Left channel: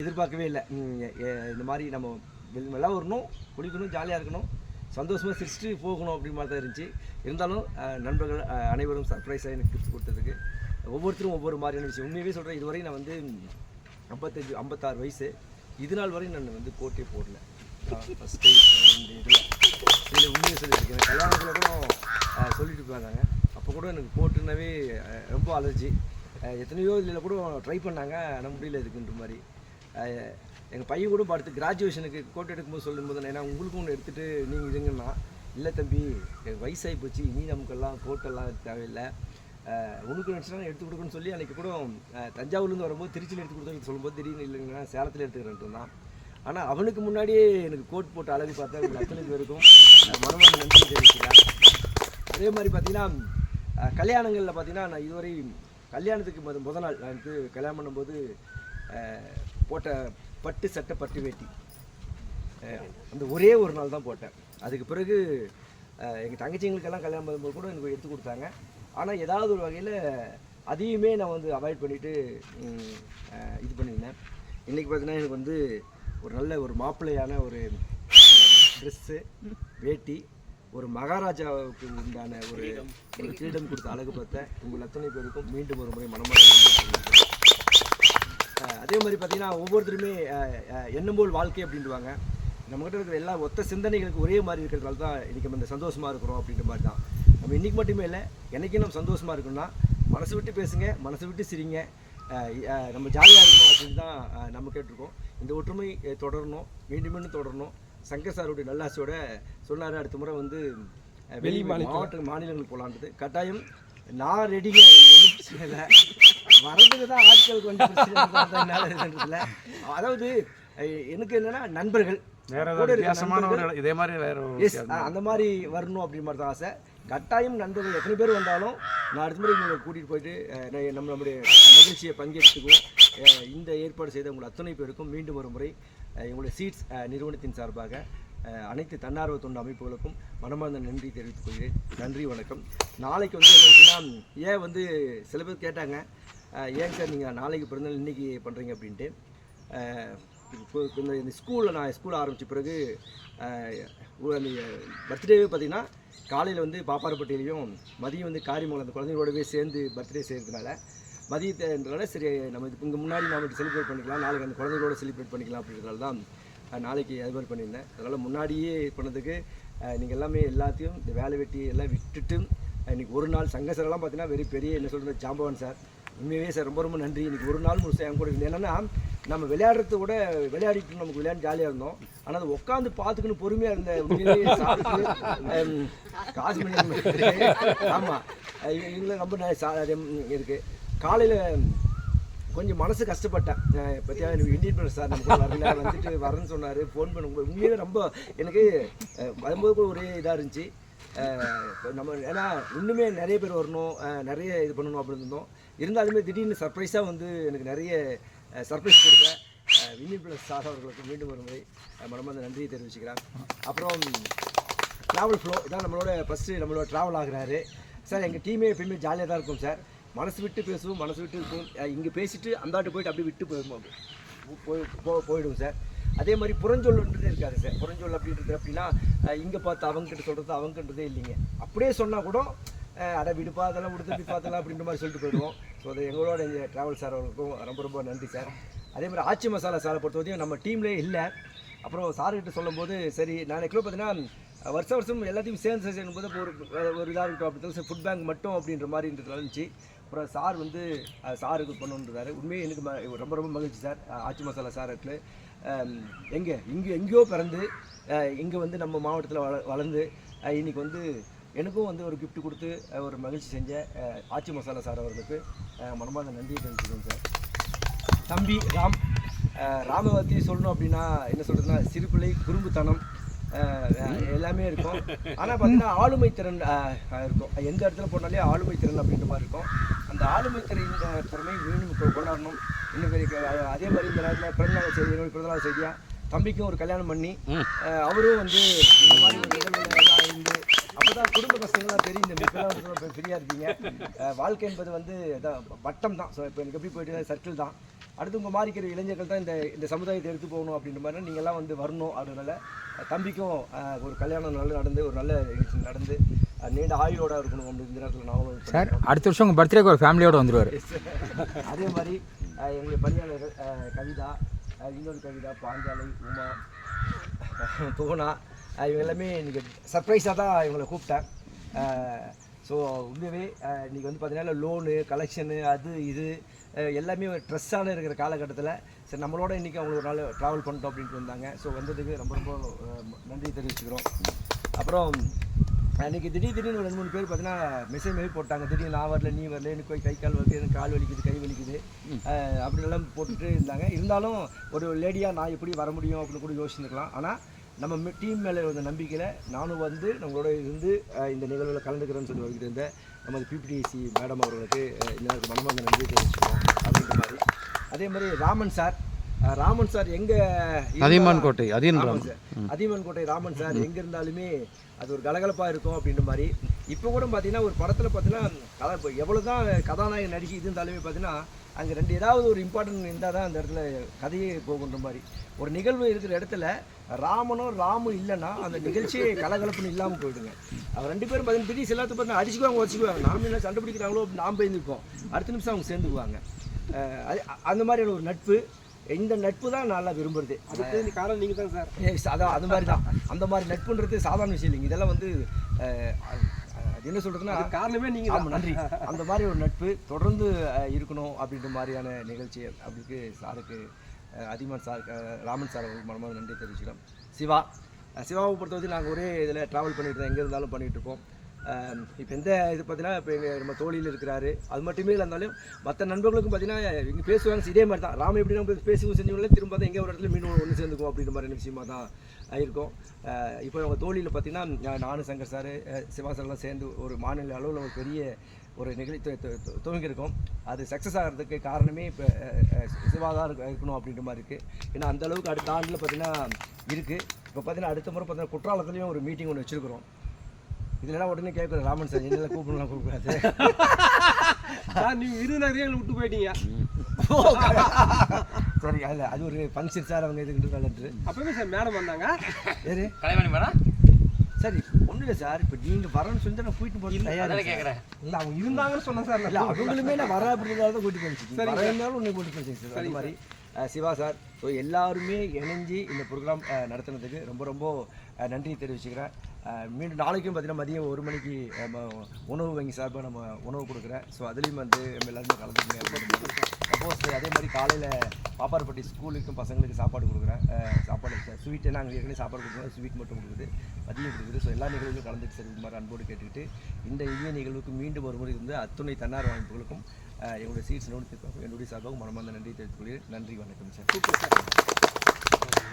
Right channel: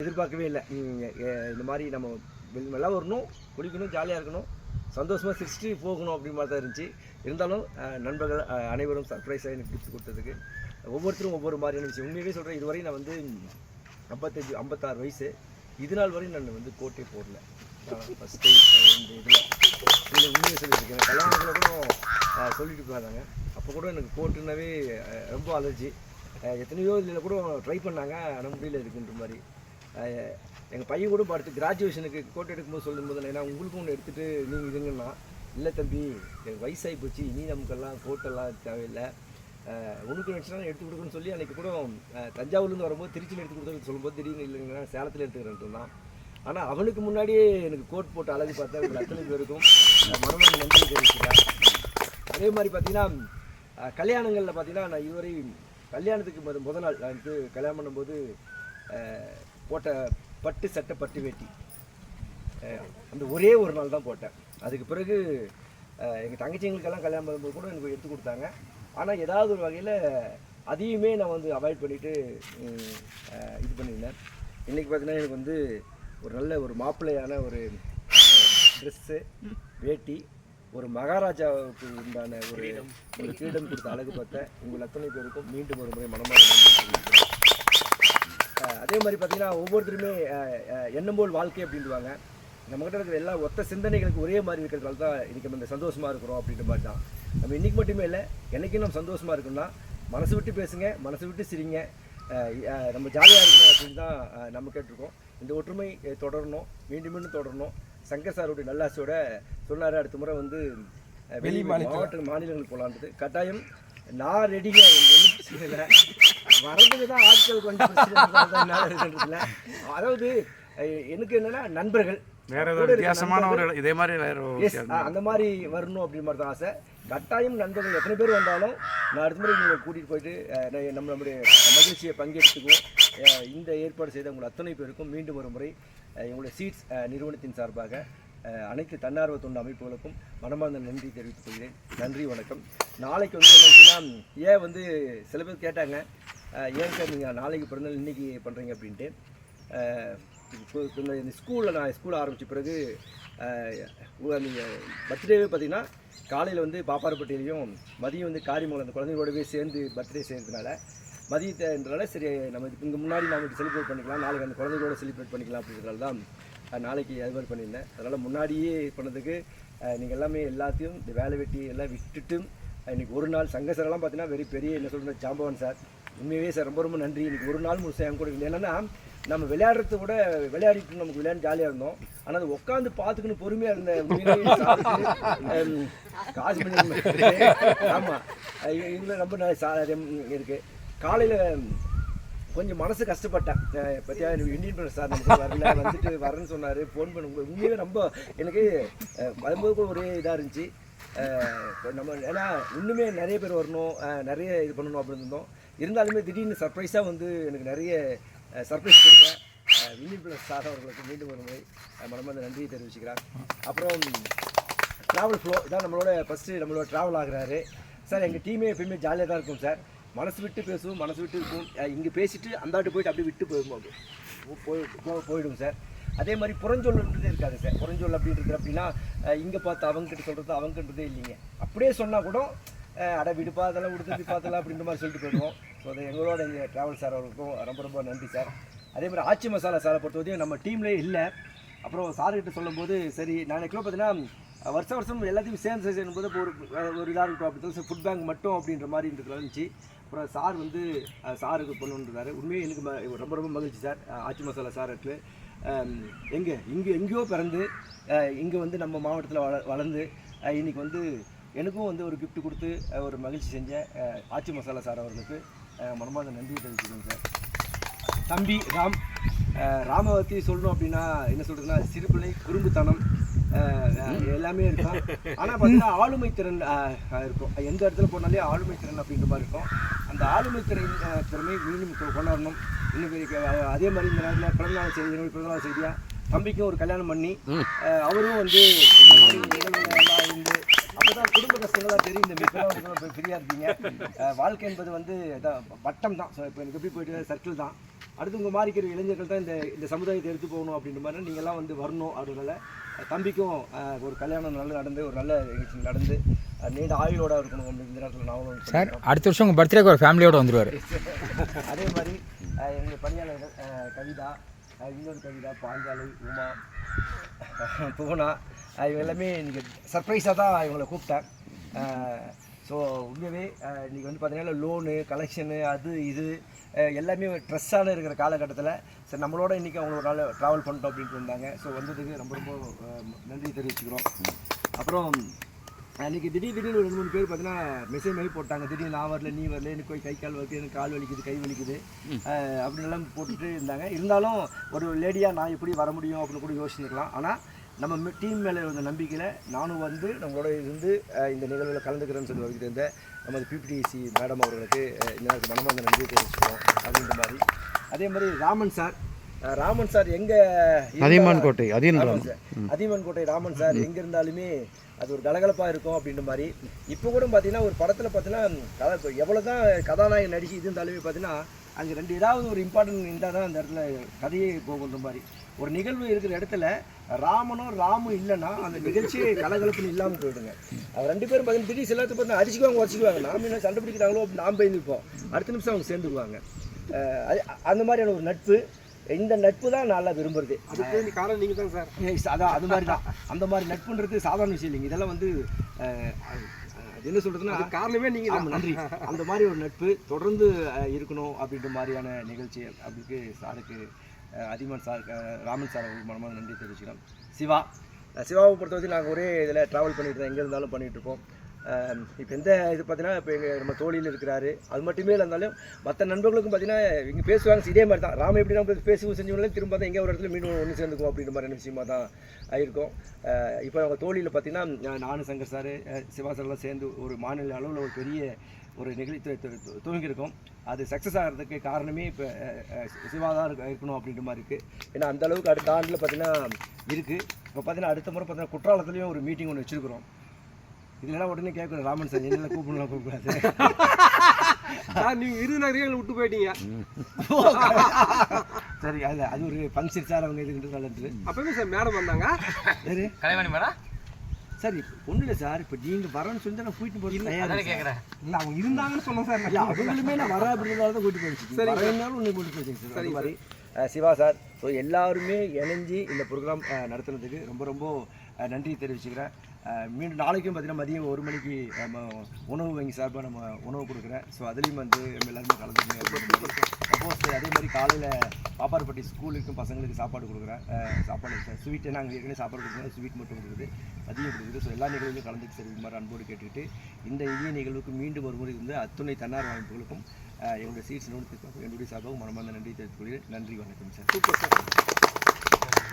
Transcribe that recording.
எதிர்பார்க்கவே இல்லை. இந்த மாதிரி நம்ம நல்லா வரணும், குளிக்கணும், ஜாலியாக இருக்கணும், சந்தோஷமாக சிரிச்சுட்டு போகணும் அப்படி மாதிரி தான் இருந்துச்சு. இருந்தாலும் நண்பர்கள் அனைவரும் சர்ப்ரைஸாக எனக்கு கிஃப்ட் கொடுத்ததுக்கு ஒவ்வொருத்தரும் ஒவ்வொரு மாதிரியான விஷயம். உண்மையாகவே சொல்கிறேன், இதுவரையும் நான் வந்து 56 வயசு, இது நாள் வரையும் நான் வந்து கோட்டே போடல. ஃபஸ்ட் டைம் இந்த இதில் உண்மையை சொல்லியிருக்கேன். கல்யாணத்தில் கூட சொல்லிட்டு போனாங்க. அப்போ கூட எனக்கு கோட்டுனாவே ரொம்ப அலர்ஜி. எத்தனையோ இதில் கூட ட்ரை பண்ணாங்க, ஆனால் முடியல இருக்குன்ற மாதிரி. எங்கள் பையன் கூட அடுத்து கிராஜுவேஷனுக்கு கோட் எடுக்கும்போது சொல்லும்போது, ஏன்னா உங்களுக்கும் ஒன்று எடுத்துகிட்டு நீங்கள் இதுங்கன்னா, இல்லை தம்பி எனக்கு வயசாகி போச்சு, இனி நமக்கெல்லாம் கோட்டெல்லாம் தேவையில்லை, உனக்கு நினச்சினா எடுத்து கொடுக்குன்னு சொல்லி அன்றைக்கி கூட தஞ்சாவூர்லேருந்து வரும்போது திருச்சியில் எடுத்து கொடுத்தது சொல்லும்போது திடீர்னு இல்லைங்கன்னா சேலத்தில் எடுத்துக்கிறேன்ட்டு தான். ஆனால் அவனுக்கு முன்னாடியே எனக்கு கோட் போட்டு அழகு பார்த்தா எனக்கு அத்தனை பேருக்கும் மனமான நன்றி தெரிவிச்சுக்கிறேன். அதே மாதிரி பார்த்திங்கன்னா கல்யாணங்களில் பார்த்திங்கன்னா நான் இதுவரை கல்யாணத்துக்கு முதல் நாள் நான் வந்து கல்யாணம் பண்ணும்போது போட்ட பட்டு சட்டை பட்டு வேட்டி அந்த ஒரே ஒரு நாள் தான் போட்டேன். அதுக்கு பிறகு எங்கள் தங்கச்சிங்களுக்கெல்லாம் கல்யாணம் பண்ணும்போது கூட எனக்கு எடுத்து கொடுத்தாங்க. ஆனால் ஏதாவது ஒரு வகையில் அதையுமே நான் வந்து அவாய்ட் பண்ணிவிட்டு இது பண்ணியிருந்தேன். இன்றைக்கி பார்த்தீங்கன்னா எனக்கு வந்து ஒரு நல்ல ஒரு மாப்பிள்ளையான ஒரு ட்ரெஸ்ஸு, வேட்டி, ஒரு மகாராஜாவுக்கு உண்டான ஒரு கிரீடம் கொடுத்த அழகு பார்த்தேன். உங்கள் அத்தனை பேருக்கும் மீண்டும் ஒரு முறை மனமாக நன்றி தெரிவிக்கிறேன். அதே மாதிரி பார்த்திங்கன்னா ஒவ்வொருத்தருமே எண்ணம் போல் வாழ்க்கை அப்படின்வாங்க. நம்மகிட்ட இருக்கிற எல்லா ஒத்த சிந்தனைகளுக்கு ஒரே மாதிரி இருக்கிறதுனால தான் இன்றைக்கி நம்ம இந்த சந்தோஷமாக இருக்கிறோம் அப்படின்ற மாதிரி தான். நம்ம இன்றைக்கி மட்டுமே இல்லை, என்றைக்கும் நம்ம சந்தோஷமாக இருக்கணும்னா மனசு விட்டு பேசுங்க, மனசு விட்டு சிரிங்க, நம்ம ஜாலியாக இருக்கணும் அப்படின்னு தான் நம்ம கேட்டிருக்கோம். இந்த ஒற்றுமை தொடரணும், மீண்டும் மீண்டும் தொடரணும். சங்கர் சாருடைய நல்லாசையோட சொன்னார், அடுத்த முறை வந்து வெளி மாநிலங்களுக்கு போகலான்றது. கட்டாயம் நான் ரெடிங்க, ஒன்றும் பிரச்சனை இல்லை. வரதுக்கு தான் ஆட்கள் கொஞ்சம் பிரச்சனை. அதாவது எனக்கு என்னென்னா நண்பர்கள் இதே மாதிரி அந்த மாதிரி வரணும் அப்படி மாதிரி தான் ஆசை. கட்டாயம் நண்பர்கள் எத்தனை பேர் வந்தாலும் நான் அடுத்த முறை நீங்கள் கூட்டிகிட்டு போயிட்டு நம்மளுடைய மகிழ்ச்சியை பங்கெடுத்துக்குவோம். இந்த ஏற்பாடு செய்த உங்கள் அத்தனை பேருக்கும் மீண்டும் ஒரு முறை எங்களுடைய சீட்ஸ் நிறுவனத்தின் சார்பாக அனைத்து தன்னார்வ தொண்டு அமைப்புகளுக்கும் மனமார்ந்த நன்றி தெரிவித்துக் கொள்கிறேன். நன்றி, வணக்கம். நாளைக்கு வந்து என்ன விஷயம்னா, ஏன் வந்து சில பேர் கேட்டாங்க, ஏங்க நீங்கள் நாளைக்கு பிறந்தாலும் இன்றைக்கி பண்ணுறீங்க அப்படின்ட்டு. இந்த ஸ்கூலில் நான் ஸ்கூல் ஆரம்பித்த பிறகு பர்த்டேவே பார்த்திங்கன்னா காலையில் வந்து பாப்பாரப்பட்டியிலையும் மதியம் வந்து காரியமங்கலம் அந்த குழந்தைங்களோடவே சேர்ந்து பர்த்டே செய்கிறதுனால மதியத்தினால சரி நம்ம இங்கே முன்னாடி நாம் செலிப்ரேட் பண்ணிக்கலாம், நாளைக்கு அந்த குழந்தைகளோட செலிப்ரேட் பண்ணிக்கலாம் அப்படின்றதால தான் நாளைக்கு அது மாதிரி பண்ணியிருந்தேன். அதனால் முன்னாடியே பண்ணதுக்கு நீங்கள் எல்லாமே எல்லாத்தையும் இந்த வேலை வெட்டி எல்லாம் விட்டுட்டு இன்றைக்கி ஒரு நாள் சங்கசரெல்லாம் பார்த்தீங்கன்னா பெரிய என்ன சொல்கிறது ஜாம்பவான் சார், உண்மையாகவே சார் ரொம்ப ரொம்ப நன்றி. இன்றைக்கி ஒரு நாள் முழுசாக என் கூட இல்லை. என்னென்னா நம்ம விளையாடுறது கூட விளையாடிட்டு நமக்கு விளையாண்டு ஜாலியாக இருந்தோம். ஆனால் அது உட்காந்து பார்த்துக்கணும் பொறுமையாக இருந்த உண்மையிலேயே காசு பண்ணி ஆமாம் இதில் ரொம்ப இருக்குது. காலையில் கொஞ்சம் மனசு கஷ்டப்பட்டேன். பற்றியா இந்தியன் பிரதர் சார் நமக்கு வரல, வந்துட்டு வரேன்னு சொன்னார், ஃபோன் பண்ணும்போது உண்மையாகவே ரொம்ப எனக்கு வரும்போது கூட ஒரே இதாக இருந்துச்சு. நம்ம ஏன்னா இன்னுமே நிறைய பேர் வரணும், நிறைய இது பண்ணணும் அப்படின்னு இருந்தோம். இருந்தாலுமே திடீர்னு சர்ப்ரைஸாக வந்து எனக்கு நிறைய சர்ப்ரைஸ் கொடுக்க இந்தியன் பிரதர் சார் அவர்களுக்கு மீண்டும் ஒரு முறை மனமார்ந்த நன்றியை தெரிவிச்சுக்கிறேன். அப்புறம் ட்ராவல் ஃப்ளோ இதான் நம்மளோட ஃபஸ்ட்டு நம்மளோட ட்ராவல் ஆகுறாரு சார். எங்கள் டீமே எப்பயுமே ஜாலியாக தான் இருக்கும் சார். மனசு விட்டு பேசுவோம், மனசு விட்டு இருக்கும். இங்கே பேசிட்டு அந்தாட்டு போயிட்டு அப்படியே விட்டு போயிடுவோம் சார். அதே மாதிரி புறஞ்சொல்லுன்றதே இருக்காது சார். புறஞ்சொல் அப்படின்றது அப்படின்னா இங்கே பார்த்து அவங்ககிட்ட சொல்கிறது அவங்கன்றதே இல்லைங்க. அப்படியே சொன்னால் கூட அட விடுப்பா அதெல்லாம் விடுத்து பார்த்தலாம் அப்படின்ற மாதிரி சொல்லிட்டு போயிடுவோம். ஸோ அது எங்களோட எங்கள் ட்ராவல் சார் அவர்களுக்கும் ரொம்ப ரொம்ப நன்றி சார். அதே மாதிரி ஆச்சி மசாலா சாரை பொறுத்தவரையும் நம்ம டீம்லேயே இல்லை. அப்புறம் சார்கிட்ட சொல்லும்போது சரி நான் கிலோ பார்த்தீங்கன்னா வருஷம் எல்லாத்தையும் சேர்ந்து செய்யும்போது ஒரு இதாக இருக்கும் அப்படி ஃபுட் பேங்க் மட்டும் அப்படின்ற மாதிரி இருந்துச்சு. அப்புறம் சார் வந்து சாருக்கு பண்ணுன்றாரு. உண்மையாக எனக்கு ரொம்ப ரொம்ப மகிழ்ச்சி சார். ஆச்சி மசாலா சாருக்கு எங்கேயோ பிறந்து இங்கே வந்து நம்ம மாவட்டத்தில் வளர்ந்து இன்றைக்கி வந்து எனக்கும் வந்து ஒரு கிஃப்ட் கொடுத்து ஒரு மகிழ்ச்சி செஞ்ச ஆச்சி மசாலா சார் அவர்களுக்கு மனமார்ந்த நன்றியை தெரிவிச்சுக்கோங்க சார். தம்பி ராமை பற்றி சொல்லணும் அப்படின்னா என்ன சொல்கிறதுனா, சிறுபிள்ளை, குறும்புத்தனம் எல்லாமே இருக்கும். ஆனால் பார்த்தீங்கன்னா ஆளுமை திறன் இருக்கும். எந்த இடத்துல போனாலே ஆளுமை திறன் அப்படின்ற மாதிரி இருக்கும். அந்த ஆளுமை திறமை மீண்டும் கொண்டாடணும். இன்னும் பெரிய அதே மாதிரி இந்த நேரத்தில் பிறந்தநாள் செய்தி, பிறந்தநாள் செய்தியாக தம்பிக்கும் ஒரு கல்யாணம் பண்ணி அவரும் வந்து இந்த மாதிரி எல்லாம் இருந்து அப்போ தான் குடும்ப கஷ்டங்கள்லாம் தெரியும். இந்த மிக்கெல்லாம் ஃப்ரீயாக இருப்பீங்க. வாழ்க்கை என்பது வந்து வட்டம் தான். ஸோ இப்போ எனக்கு எப்படி போயிட்டு சர்க்கிள் தான். அடுத்து உங்கள் மாதிரி இருக்கிற இளைஞர்கள் தான் இந்த சமுதாயத்தை எடுத்து போகணும் அப்படின்ற மாதிரி நீங்கள்லாம் வந்து வரணும். அதனால தம்பிக்கும் ஒரு கல்யாணம் நல்லா நடந்து ஒரு நல்ல நிகழ்ச்சி நடந்து நீண்ட ஆயுளோட இருக்கணும் அப்படின்னு இந்த நேரத்தில் நானும் சார் அடுத்த வருஷம் உங்கள் பர்த்டேக்கு ஒரு ஃபேமிலியோடு வந்துடுவார். அதே மாதிரி எங்களுடைய பணியாளர்கள் கவிதா, இன்னொரு கவிதா, பாஞ்சாலை, உமா, புவனா, இவங்க எல்லாமே இன்றைக்கி சர்ப்ரைஸாக தான் இவங்களை கூப்பிட்டேன். ஸோ உண்மையாகவே இன்றைக்கி வந்து பார்த்தீங்கன்னா லோனு கலெக்ஷனு அது இது எல்லாமே ட்ரெஸ்ஸான இருக்கிற காலகட்டத்தில் சரி நம்மளோட இன்றைக்கி அவங்க ஒரு நாள் ட்ராவல் பண்ணிட்டோம் அப்படின்ட்டு வந்தாங்க. ஸோ வந்ததுக்கு ரொம்ப ரொம்ப நன்றி தெரிவிச்சுக்கிறோம். அப்புறம் அன்றைக்கி திடீர்னு ஒரு 2-3 பேர் பார்த்தீங்கன்னா மெசேஜ் மாதிரி போட்டாங்க. திடீர்னு நான் வரல, நீ வரல, எனக்கு போய் கை கால் வருது, எனக்கு கால் வலிக்குது, கை வலிக்குது அப்படின்லாம் போட்டுட்டு இருந்தாங்க. இருந்தாலும் ஒரு லேடியாக நான் எப்படி வர முடியும் அப்படின்னு கூட யோசிச்சுருக்கலாம். ஆனால் நம்ம டீம் மேலே இருந்த நம்பிக்கையில் நானும் வந்து நம்மளோட இருந்து இந்த நிகழ்வில் கலந்துக்கிறேன்னு சொல்லி வந்துட்டு இருந்தேன். நமது பிபிடிசி மேடம் அவர்களுக்கு இந்த நேரத்துக்கு மனமார்ந்த நன்றி தெரிவிச்சுக்கிறோம் அப்படின்ற மாதிரி. அதே மாதிரி ராமன் சார் எங்கே அதியமான் கோட்டை ராமன் சார் எங்கே இருந்தாலுமே அது ஒரு கலகலப்பாக இருக்கும் அப்படின்ற மாதிரி. இப்போ கூட பார்த்தீங்கன்னா ஒரு படத்தில் பார்த்தீங்கன்னா எவ்வளோ தான் கதாநாயகன் நடிச்சு இது இருந்தாலுமே பார்த்தீங்கன்னா அங்கே ஏதாவது ஒரு இம்பார்ட்டன்ட் இருந்தால் தான் அந்த இடத்துல கதையே போகுன்ற மாதிரி. ஒரு நிகழ்வு இருக்கிற இடத்துல ராமும் இல்லைன்னா அந்த நிகழ்ச்சியை கலகலப்புன்னு இல்லாமல் போயிடுங்க. அவர் 2 பேரும் பார்த்தீங்கன்னா திடீர் எல்லாத்தையும் பார்த்தீங்கன்னா அடிச்சுக்குவாங்க, வச்சுக்குவாங்க. நாம என்ன சண்டை பிடிக்கிறாங்களோ நாம் போய் நிற்போம், அடுத்த நிமிஷம் அவங்க சேர்ந்துக்குவாங்க. அந்த மாதிரியான ஒரு நட்பு, இந்த நட்பு தான் நல்லா விரும்புறது. அதுக்கு காரணம் நீங்கள் தான் சார். அதான் அது மாதிரி தான். அந்த மாதிரி நட்புன்றது சாதாரண விஷயம் இல்லைங்க. இதெல்லாம் வந்து அது என்ன சொல்கிறதுன்னா காரணமே நீங்கள் தான். நன்றி. அந்த மாதிரி ஒரு நட்பு தொடர்ந்து இருக்கணும் அப்படின்ற மாதிரியான நிகழ்ச்சி அப்படிக்கு சாருக்கு அதியமான் சார், ராமன் சார் அவங்களுக்கு மனமாக நன்றி தெரிவிச்சுக்கிறோம். சிவாவை பொறுத்தவரைக்கும் நாங்கள் ஒரே இதில் ட்ராவல் பண்ணிட்டு தான் எங்கே இருந்தாலும் பண்ணிகிட்டு இருப்போம். இப்போ எந்த இது பார்த்தீங்கன்னா இப்போ நம்ம தோழியில் இருக்கிறாரு, அது மட்டுமே இருந்தாலும் மற்ற நண்பர்களுக்கும் பார்த்தீங்கன்னா இங்கே பேசுவாங்க. இதே மாதிரி தான் ராம எப்படி நம்ம பேசுவோம் செஞ்சவங்களே திரும்ப தான் எங்கே ஒரு இடத்துல மீண்டும் ஒன்று சேர்ந்துக்கும் அப்படின்ற மாதிரியான விஷயமா தான் இருக்கும். இப்போ அவங்க தோழியில் பார்த்தீங்கன்னா நானும் சங்கர் சார், சிவா சார்லாம் சேர்ந்து ஒரு மாநில அளவில் ஒரு பெரிய ஒரு நிகழ்ச்சி துவங்கியிருக்கோம். அது சக்ஸஸ் ஆகிறதுக்கு காரணமே இப்போ சிவா தான் இருக்கணும் அப்படின்ற மாதிரி இருக்குது. ஏன்னா அந்தளவுக்கு அடுத்த ஆண்டில் பார்த்தீங்கன்னா இருக்குது. இப்போ பார்த்தீங்கன்னா அடுத்த முறை பார்த்தீங்கன்னா குற்றாலத்துலேயும் ஒரு மீட்டிங் ஒன்று வச்சுருக்கிறோம். இதெல்லாம் உடனே கேட்குறேன் ராமன் சார் என்னெல்லாம் கூப்பிடக்கூடாது சார், நீங்கள் விருதுநகரையும் விட்டு போயிட்டீங்க. சரி, அதில் அது ஒரு ஃபங்க்ஷன் சார். அவங்க இது கலந்து அப்போவே சார் மேடம் வந்தாங்க. சரி கலைமணி மேடம் சரி ஒன்றும் இல்லை சார். இப்போ நீங்கள் வரேன்னு சொல்லி நான் கூட்டிட்டு போய் தயாராக கேட்குறேன். இல்லை அவங்க இருந்தாங்கன்னு சொன்னேன் சார். இல்லை அவங்களுமே நான் வர அப்படின்றதால தான் கூட்டி போயிடுச்சு. சரி வரனாலும் ஒன்று கூட்டி போயிடுச்சு சார். அது மாதிரி சிவா சார், ஸோ எல்லாருமே இணைஞ்சி இந்த ப்ரோக்ராம் நடத்துனதுக்கு ரொம்ப ரொம்ப நன்றி தெரிவிச்சுக்கிறேன். மீண்டும் நாளைக்கும் பார்த்தீங்கன்னா மதியம் 1 மணிக்கு உணவு வங்கி சார்பாக நம்ம உணவு கொடுக்குறேன். ஸோ அதுலேயும் வந்து நம்ம எல்லாருமே கலந்துக்கணும். சப்போஸ் அதே மாதிரி காலையில் பாப்பார்பட்டி ஸ்கூலுக்கும் பசங்களுக்கு சாப்பாடு கொடுக்குறேன். சாப்பாடு ஸ்வீட்டு நாங்கள் ஏற்கனவே சாப்பாடு கொடுக்குறோம், ஸ்வீட் மட்டும் கொடுக்குது, மதியம் கொடுக்குது. ஸோ எல்லா நிகழ்வுகளும் கலந்துட்டு சரி இது மாதிரி அன்போடு கேட்டுக்கிட்டு இந்த இனிய நிகழ்வுக்கு மீண்டும் ஒரு முறை இருந்து அத்துணை தன்னார்வ அமைப்புகளுக்கும் என்னுடைய சீட்ஸ் என்னுடைய சார்பாக மனமார்ந்த நன்றி தெரிவித்துக் கொள்கிறேன். நன்றி, வணக்கம் சார். Super sir.